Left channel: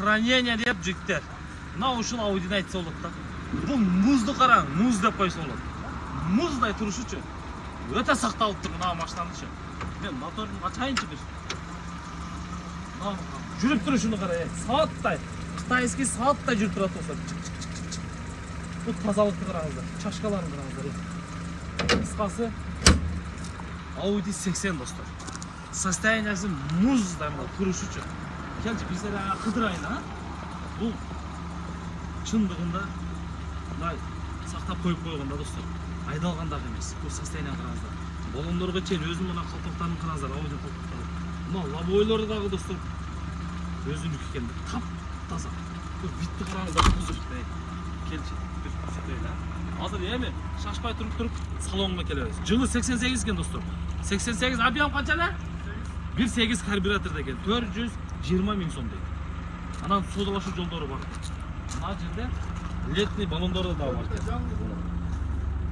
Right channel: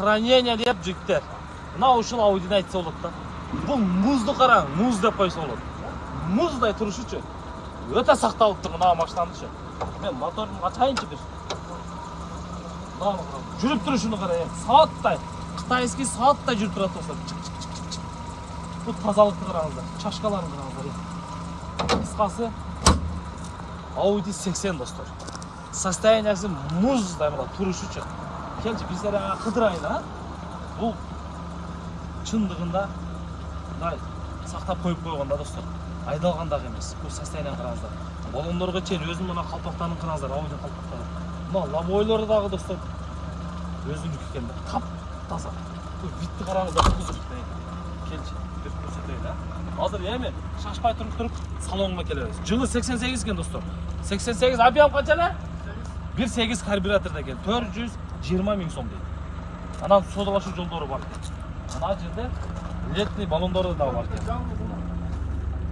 хранение деп жігіттер. Мына ушул Ауидин айтса болот да. Бул музду караң, муз деп койсо болот. Муздай турушучу. Өтө сакталыптыр мына машинанычы. Мен моторун ачайынчы бир. Жүрүп турушуну кара, сааттай. Кытайский сааттай жүрүп турат болсо. Бул тазалыкты караңыздар, чашкаларын караңыздар. Кыскасы Audi 80 достор. Состояниясы муздай мына турушучу. Келчи биздер кыдырайын, а? Бул чындыгында сактап коюп койгон да достор. Айдалгандак эмес. Бул состояние караңыздар. Балондорго чейин өзүнүн мына калпактарын караңыздар, Audi калпактары. Мына лобойлору дагы достор. Өзүнүкү экен. Таптаса. Бул витти караңыздар, кузов. Келчи, бир көрсөтөйүн, а? Азыр эми шашпай туруп салонго келебиз. Жылы 88 экен достор. 88 объем канча эле? 1.8 карбюраторда экен. 420 миң сом дейт. Анан содалашуу жолдору бар. Мына жерде летний баллондору да бар.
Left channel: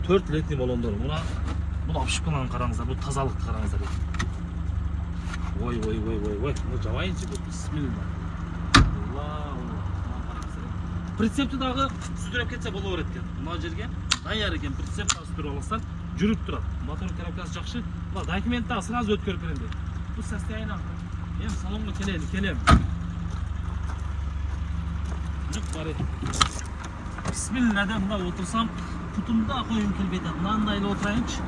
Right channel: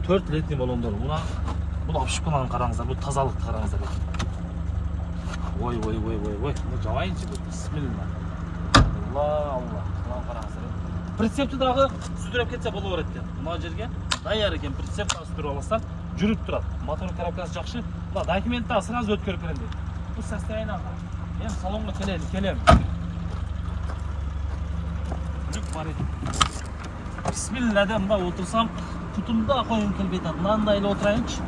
4 летний баллондор. Бул апшыпкаларын караңыздар, бул тазалыкты караңыздар. Ой. Бул жабайынчы бул. Бисмилла. Алла. Караңыздар. Прицепти дагы сүдүрөп кетсе боло берет экен. Мына жерге даяр экен, прицеп сүдүрүп алсаң, жүрүп турат. Мотор коробкасы жакшы. Документти сразу өткөрүп берем дейт. Бул состояние. Мен салонго келем. Жүк бар экен. Бисмилла деп мына отурсам, кутумда коюм келбей атат. Мындай эле отурайынчы.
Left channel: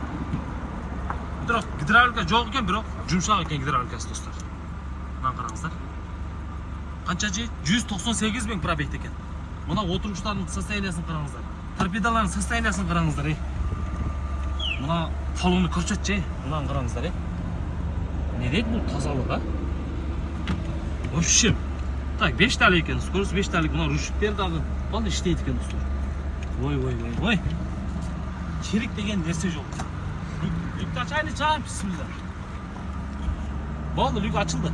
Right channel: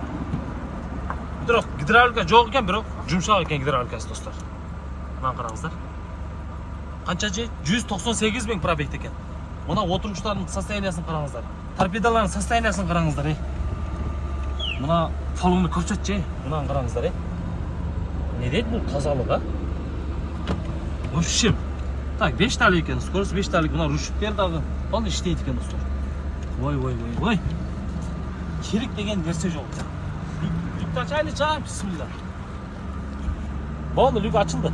Бирок гидравлика жок экен, бирок жумшак экен гидравликасы достор. Мына караңыздар. Канча же 198 миң пробег экен. Мына отургучтардын состояниясын караңыздар. Торпедалардын состояниясын караңыздар. Мына фолуну көрсөтчү, мына караңыздар. Не дейт бул тазалык, а? Вообще. Так, 5 талык экен, скорость 5 талык. Мына ручниктер дагы ал иштейт экен достор. Ой. Черик деген нерсе жок. Люкты ачайлы чам, бисмилла. Болду, люк ачылды.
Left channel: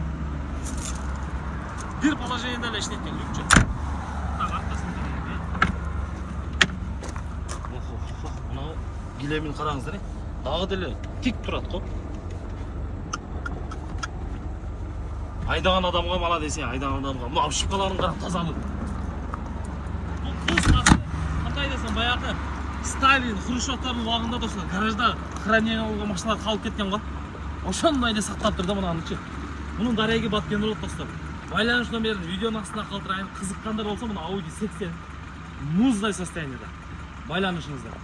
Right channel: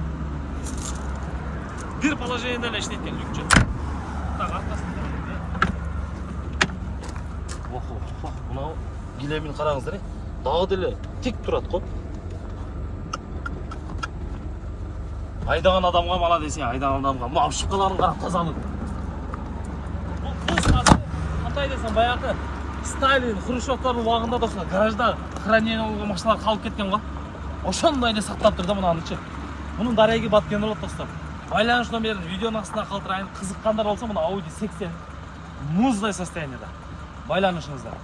Бир положениеде эле иштейт экен люкчу. Так, аркасын мына килемин караңыздар. Дагы деле тик турат го. Айдаган адамга мала десең, айдаган адамга мына апшыпкаларын кара тазалык. Бул кызматы кандай десең, баягы Сталин, Хрущевтардын убагында достор, гаражда хранение болгон машиналар калып кеткен го. Ошондой эле сактап турду мынанычы. Мунун дареги баткен болот достор. Байланыш номерин видеонун астына калтырайын. Кызыккандар болсо мына Audi 80 муздай состояниеде. Байланышыңыздар.